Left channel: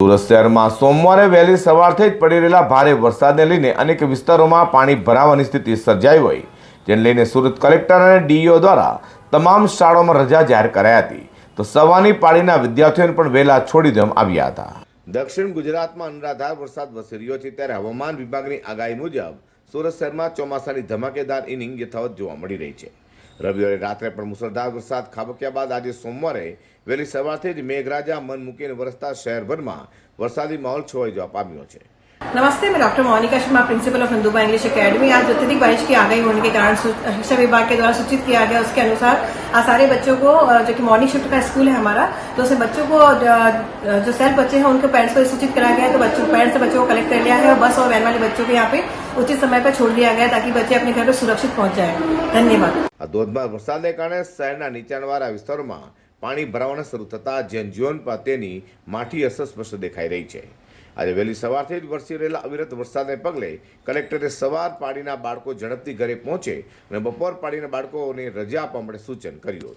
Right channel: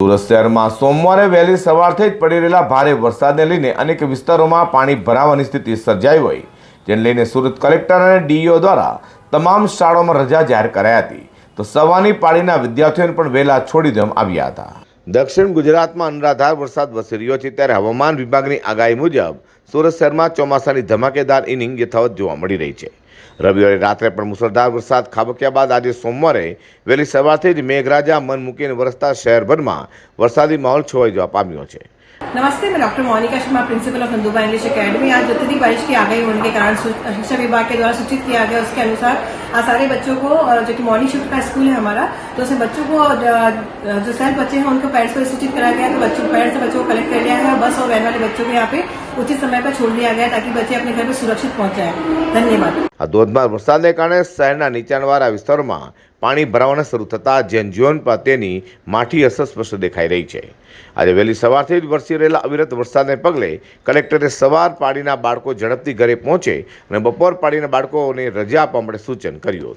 સુરત શહેરમાં સોમવારે વહેલી સવારથી જ પડી રહેલા ભારે વરસાદને લઈને અનેક વિસ્તારોમાં પાણી ભરાવાની સ્થિતિ સર્જાઈ હોય, જેને લઈને સુરત કલેક્ટર અને ડીઈઓ દ્વારા તમામ શાળાઓમાં રજા જાહેર કરાઈ હતી, તો સવારની પાળીના વિદ્યાર્થીઓને પણ વહેલા છોડી દેવામાં આવ્યા હતા. દક્ષિણ ગુજરાતમાં અનરાધાર વરસાદ વરસી રહ્યો છે, ત્યારે હવામાન વિભાગની આગાહી મુજબ સુરત શહેરમાં ચોમાસાની ધમાકેદાર ઇનિંગ યથાવત જોવા મળી રહી છે. રવિવારે રાત્રે પણ મુસળધાર વરસાદ ખાબક્યા બાદ આજે સોમવારે વહેલી સવારથી જ મેઘરાજા મન મૂકીને વરસતા શહેરભરમાં वरसादी माहौल छवाई जवा पाम्यो छे। नमस्ते, मैं doctor Monika Sharma, principal of Hinduba English academy. आज अत्यधिक बारिश की आगाही होने के कारण शिक्षा विभाग के द्वारा सूचित किया गया, उसके अनुसार आज सारे बच्चों को, जो कि मॉर्निंग शिफ्ट का स्कूल है हमारा, तो उसमें बच्चों को जो सेल्फ बच्चे हैं उनके पेरेंट्स को सूचित कराया गया, तो पेरेंट्स से बच्चों को कलेक्ट कर लिया है और बस और वैन वाले बच्चों को यहाँ पे उचित समय पर छोड़ दिया गया ताकि बच्चे अपने घर पर सुरक्षित पहुंच जाए। धन्यवाद। આ ધોધમાર વરસાદને કારણે શહેરના નીચાણવાળા વિસ્તારોમાં પાણી ભરાવાના શરૂ થતા જનજીવન પર તેની માઠી અસર સ્પષ્ટ દેખાઈ રહી છે. આજે વહેલી સવારથી જ વરસી રહેલા અવિરત વરસાદને પગલે કલેક્ટરે સવાર પાડીના બાળકો ઝડપથી ઘરે પહોંચે અને બપોર પાડીના બાળકોને રજા આપવા માટે સૂચન કર્યું.